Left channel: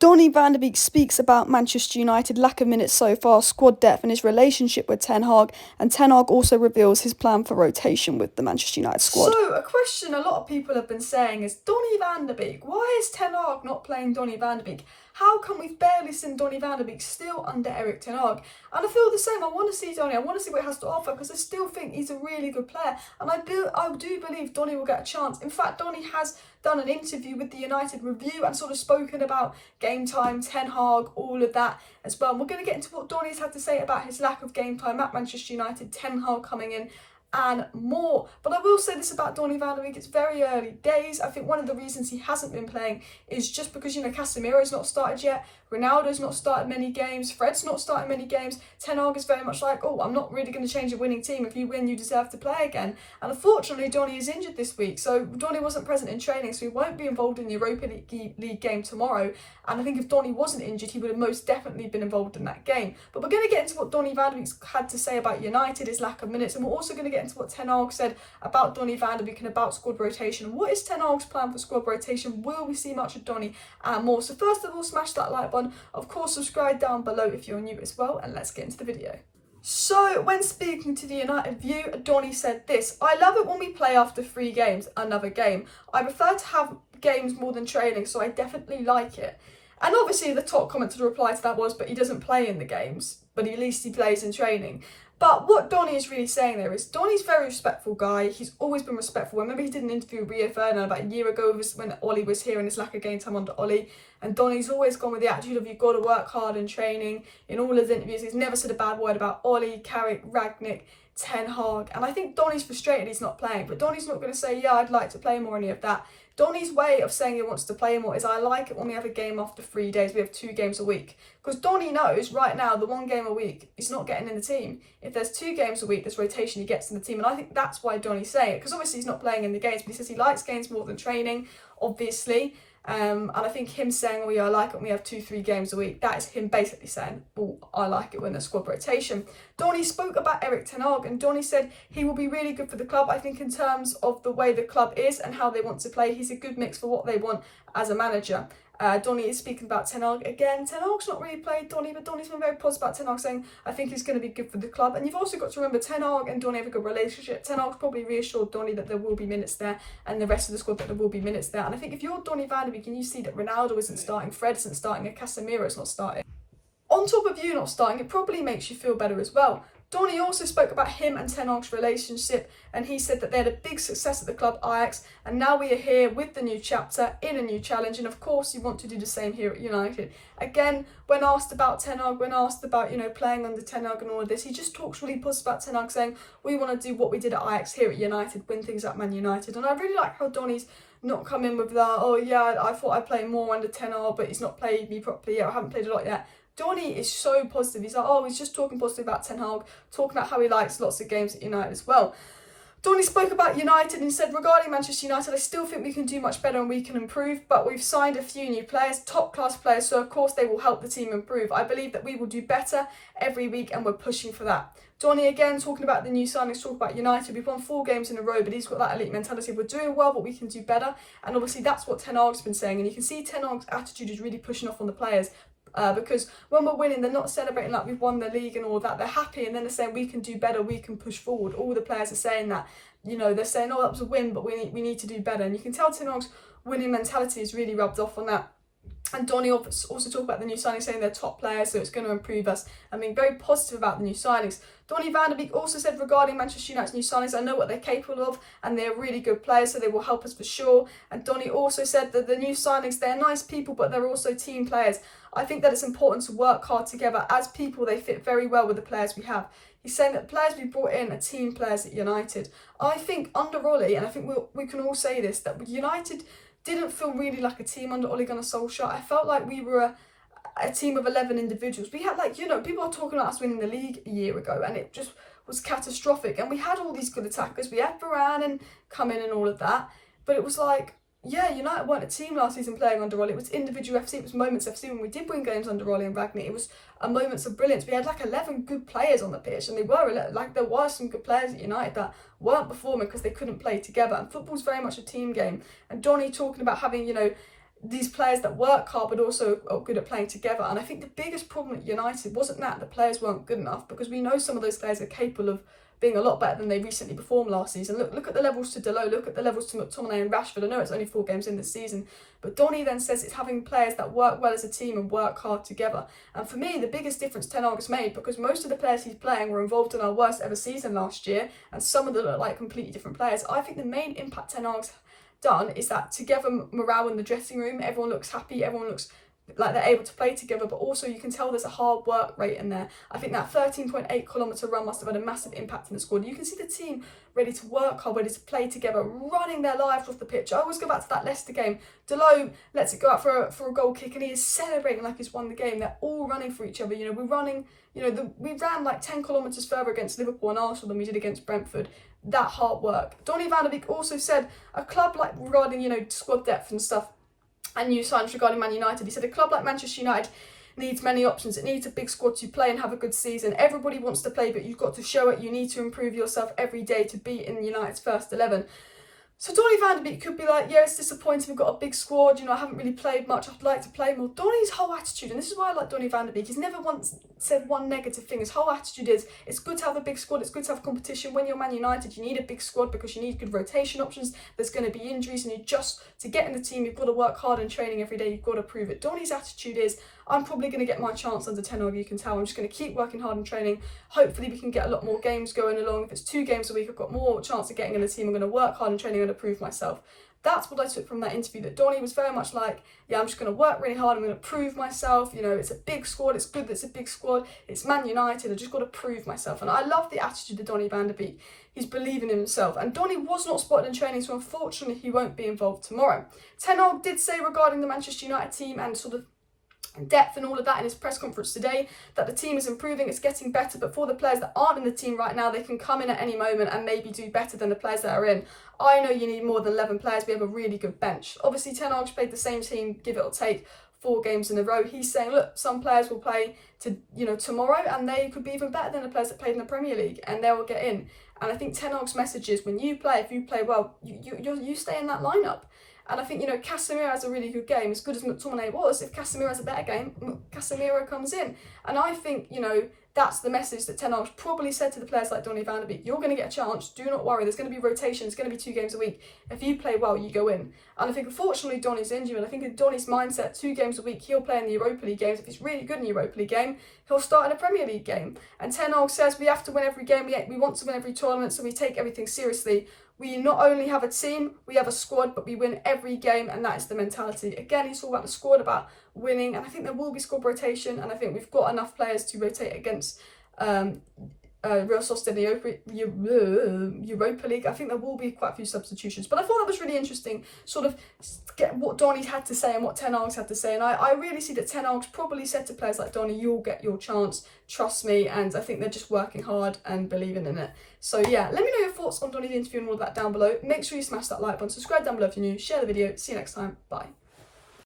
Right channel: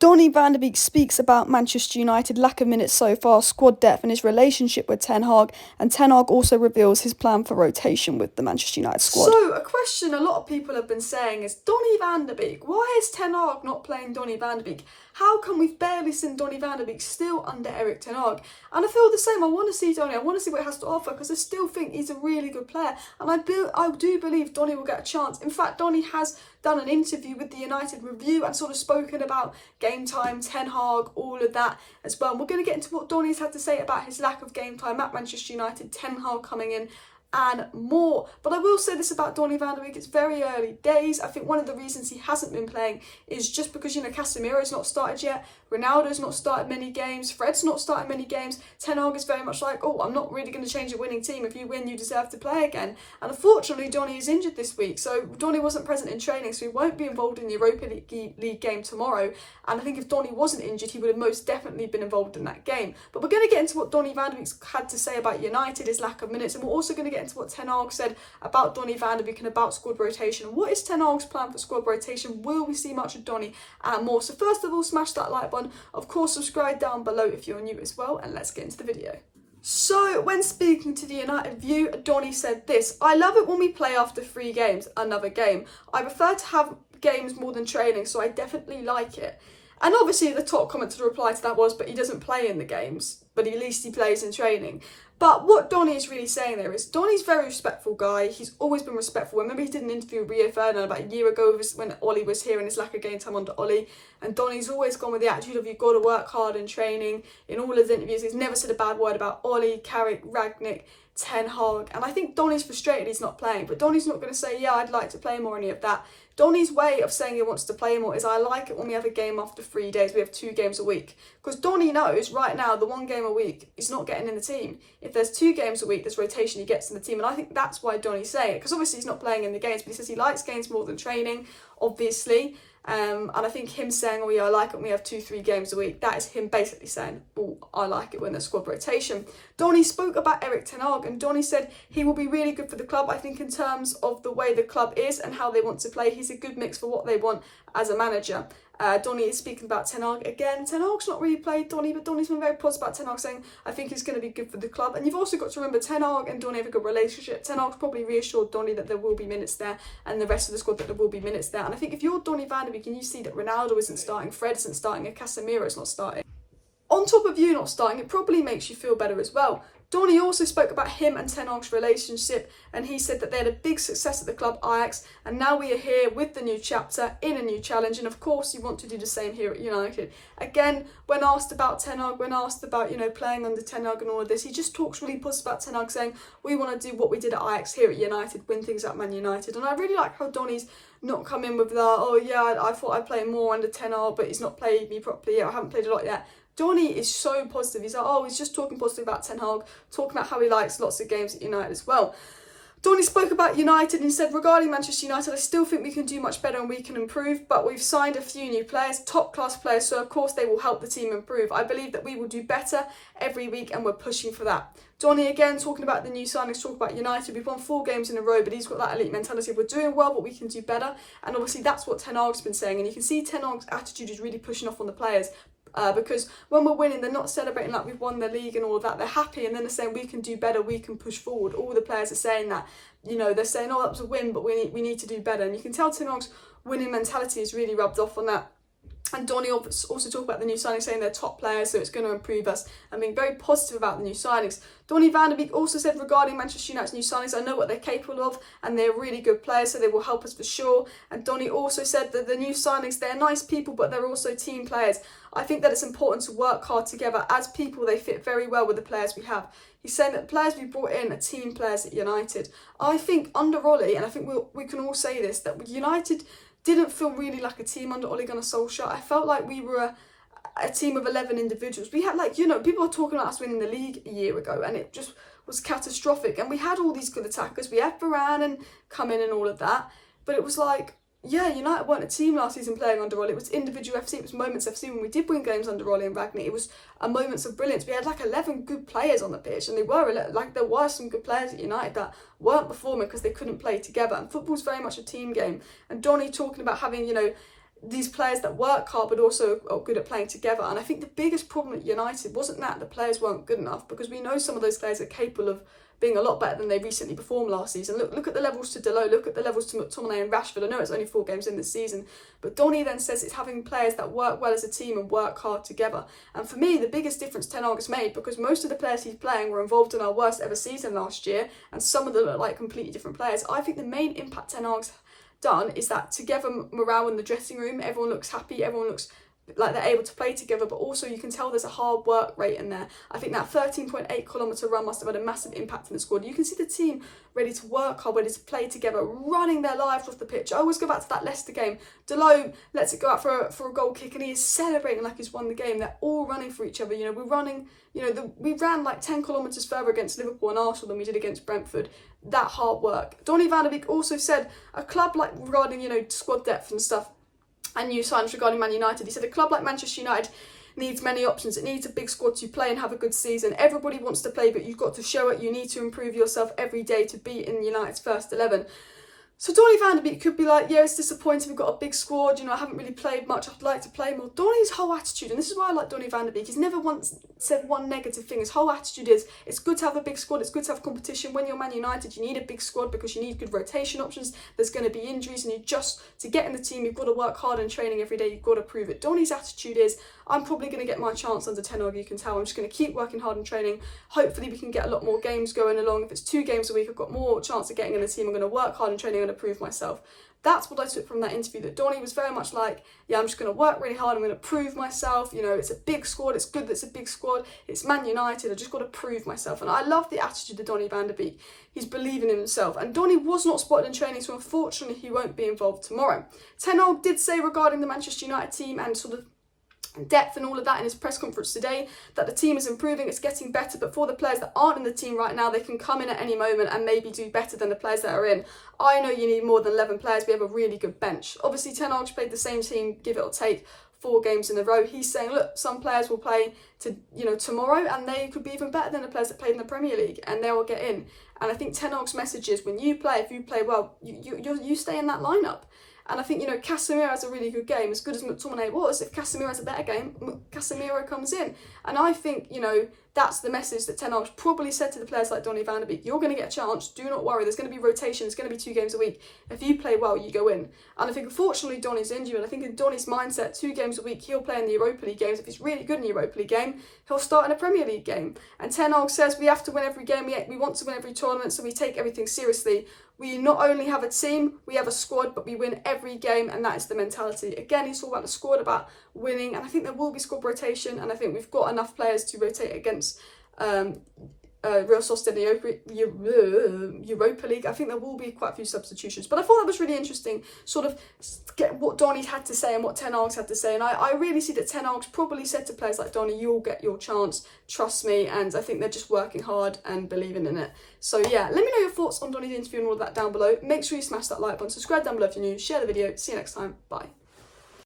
Donny Van De Beek speaks about Manchester United lack of minutes so far, squad depth and his relationship with Ten Hag, and Ten Hag also reveals his plan for rotation with the Manchester United squad. So, a question a lot of people have been saying is, Donny Van De Beek, why is Ten Hag not playing Donny Van De Beek? How come we've barely seen Donny Van De Beek still under Erik Ten Hag? And I feel the same. I want to see Donny. I want to see what he has to offer because I still think he's a really good player. And I do believe Donny will get a chance. In fact, Donny has done an interview with the United Review and sort of spoken about game time, Ten Hag, all of that as well. And we're going to get into what Donny's had to say about his lack of game time at Manchester United, Ten Hag coming in, and more. But I will say this about Donny Van De Beek, it's very early days. I think one of the reasons he hasn't been playing is just because, Casemiro's not started yet, Ronaldo's not started many games, Fred's not started many games. Ten Hag is very much like, oh, I'm not really going to change a winning team. If you win, you deserve to play again. And unfortunately, Donny is injured this week, so Donny wasn't present in training, so he won't be involved in the Europa League game tomorrow. And I think if Donny wasn't injured, he would have most definitely been involved in that game. But we're going to get into what Donny Van De Beek's had to say about United, his lack of minutes, and we're also going to get into what Ten Hag said about Donny Van De Beek and about squad rotation. What is Ten Hag's plan for squad rotation? Will we see much of Donny and more? So first of all, smash that like button. Of course, subscribe down below if you're new as well, and let's get into the video. So, when speaking to the United View, Donny said this: I love it when we play after 3 games, another game. I prefer to have games more than training, so I definitely like it. And obviously the top comment to reply to that was, but he doesn't play in the games, but at least he plays in training. But what Donny is really saying there is, Donny's a very respectful guy. He's always been respectful. Remember, he did an interview with Rio Ferdinand about a year ago when Ollie was here and his lack of game time under Ollie. And Donny's always gone with the attitude of, you've got to work hard in training. In all his interviews, he's never said a bad word about Ollie, Carrick, Ragnick, Ten Hag. And I think Donny's frustrated he's not playing. But Donny's not going to say, yeah, I'd like to play more, any of that. Donny's way of saying he wants to play more is, I like it when we have a game after 3 days. We have 2 games a week. Because Donny knows right now the 1 game a week he's not getting in the team. If there's 2 games a week, there's rotation, he gets in the team. And I think that's why Donny's saying it. Because obviously he's not playing in the games, but he says he likes games more than training, obviously. And I think him saying, oh yeah, I like it when we have 2-3 games a week, that is him basically saying, oh, I like it when there's squad rotation. Donny spoke about Erik Ten Hag, and Donny said he will be really good for the club. I think in terms of the way the club is and how they want to play, he's a good mix for what they want as a manager. Donny is speaking about Ten Hag again. Ten Hag's not really played Donny, but Donny's been very positive about Ten Hag, saying, I think he's going to be good for the club. And you've also got to remember, Ten Hag and Donny have a good relationship. Ten Hag's probably reassured Donny that there will be minutes there, and the rest of the squad that there will be minutes there. And I think if you're Donny Van De Beek and you see that Ronaldo isn't starting, Fred isn't starting, and Casemiro's not starting, on top of you not starting, it probably makes you feel better as well. Donny also spoke about him and Ten Hag's relationship, and he said that they had a big success at the club Ajax, and now we are here with the new chapter in a new challenge, and of course you want to do the same here at United. Again, when asked about Ten Hag, when asked about, playing under Ten Hag and all of this, he just talks really positive about Ten Hag, saying, we want to do what we did at Ajax here at United, win things at Man United. And I really like how Donny's not come in with that, oh yeah, I thought I'd play more under Ten Hag, but he's not played me properly yet, I haven't played a lot yet. Donny is so positive. He's like, oh, he's just talking positive about Ten Hag, talking about how he likes lots of games at United as well. Donny spoke about United and said, regarding Manchester United, I still think we can do much better and we can improve, but we've signed a few new players, top-class players, so of course they will help the team improve. I believe that we will do better every week and we're pushing for that. Donny again talking about the new signings, talking about United. We've won 4 games in a row, but he's got that elite mentality. We're doing well, but we can do better. And obviously that's what Ten Hag's been saying. And you can see Ten Hag's attitude is really pushing off on the players. Because when we're winning, they're not celebrating like we've won the league and all of that. They're happy, and then they're saying we can do better, we can push forward. All the players are saying that. They're saying, oh, that was a win, but we need to do better. And you can tell Ten Hag's winning mentality is really rubbed off on that. And Donny also talked about the new signings, saying they're top players, so it's going to improve us. I mean, very positive about the new signings. Donny Van De Beek also said regarding Manchester United's new signings, I know what they're capable of, and they're really good players, so they will help us for sure. And Donny also said that the new signings, they're nice people, but they're also team players. I think that it's important to work hard together. As people, they fit very well with the players we have. He's saying that the players we brought in are team players at United. I think under Ollie, and I think we can all say this, that United didn't feel really like a team under Ole Gunnar Solskjaer. I felt like we were a team of 11 individuals. We had people were talking about us winning the league a year ago, and it just was catastrophic. And we had all these good attackers. We had Varane and come in and all of that. But it was like, yeah, United weren't a team last season playing under Ollie. It was individual FC, it was moments FC. When we did win games under Ollie and Ragnick, it was moments of brilliance. We had 11 good players on the pitch, and there were some good players at United that weren't performing because they couldn't play together. And football's very much a team game. And Donny talking about having, these players that work hard but also are good at playing together. And I think the biggest problem at United wasn't that the players weren't good enough, because we know some of those players are capable of being a lot better than they recently performed last season. Look at the levels to Delo, look at the levels to McTominay and Rashford. I know it's only 4 games in this season, but Donny then says it's having players that work well as a team and work hard together. And for me, the biggest difference Ten Hag has made, because most of the players he's playing were involved in our worst ever season last year, and some of them look like completely different players. I think the main impact Ten Hag's done is that together morale in the dressing room, everyone looks happy, everyone looks like they're able to play together, but also you can tell there's a hard work rate in there. I think that 13.8 kilometre run must have had a massive impact in the squad. You can see the team ready to work hard, ready to play together, running their lives off the pitch. I always go back to that Leicester game. Delo lets it go out for a goal kick and he is celebrating like he's won the game. They're all running for each other. You know, we're running, you know, we ran like 10 kilometres further against Liverpool and Arsenal than we did against Brentford. That hard work. Donny Van De Beek also said a club like, regarding, you know, squad depth and stuff, and new signs regarding Man United, he said a club like Manchester United needs many options. It needs a big squad to play and have a good season. Everybody wants to play, but you've got to show it. You need to improve yourself every day to be in United's first 11. So Donny Van De Beek could be like, yeah, it's disappointing, we've got a big squad, you know, I haven't really played much, I'd like to play more. Donny's whole attitude, and this is why I like Donny Van De Beek, he's never once said one negative thing. His whole attitude is, it's good to have a big squad, it's good to have competition. When you're Man United, you need a big squad because you need good rotation options, there's going to be injuries, and to get in the team, you've got to work hard in training every day, you've got to prove it. Donny's attitude is, I'm probably going to get my chance under Ten Hag, you can tell. I'm just going to keep working hard in training. Hopefully we can get a lot more games going along. If it's 2 games a week, I've got more chance of getting in the team. I'm going to work hard in training and prove myself. That's what I took from that interview, that Donny was very much like, yeah, I'm just going to work really hard, I'm going to prove myself, you know, it's a big squad, it's good that it's a big squad, it's Man United, I've just got to prove myself. And I love the attitude of Donny Van De Beek. He's believing in himself. And Donny was not spotted in training, so unfortunately he won't be involved tomorrow. Ten Hag did say regarding the Manchester United team and sort of depth and all of that in his press conference today, that the team is improving, it's getting better, but for the players that aren't in the team right now, they can come in at any moment and maybe do better than the players that are in. I know you need more than 11 players. We have a really good bench. Obviously Ten Hag's played the same team, give it or take, 4 games in a row. He's saying, look, some players will play tomorrow and they could be even better than the players that played in the Premier League, and they will get in. And I think Ten Hag's message is, when you play, if you play well, you stay in that lineup. And I think, you know, Casemiro has a really good game. As good as McTominay was, if Casemiro has a better game, Casemiro comes in. And I think, you know, that's the message that Ten Hag's probably said to the players like Donny Van De Beek. You're going to get a chance. Do not worry. There's going to be rotation. It's going to be 2 games a week. If you play well, you go in. And I think, unfortunately, Donny's injured. And I think in Donny's mindset, 2 games a week, he'll play in the Europa League games. If he's really good in the Europa League game, he'll start in a Premier League game. And Ten Hag says we have to win every game. We want to win every tournament, so we take everything seriously. We not only have a team, we have a squad, but we win every game, and that is the mentality. Again, he's all about the squad, about winning, and I think there will be squad rotation, and I think we've got enough players to rotate against Real Sociedad in the Europa League. I think there will be quite a few substitutions, but I thought it was really interesting, sort of get what Donny had to say and what Ten Hag's had to say, and I really see that Ten Hag's probably said to players like Donny, you'll get your chance, trust me, and I think they're just working hard and believing in it. So yeah, let me know your thoughts on Donny's interview and all of that down below. Make sure you smash that like button, subscribe down below if you're new, share the video, see you next time, bye.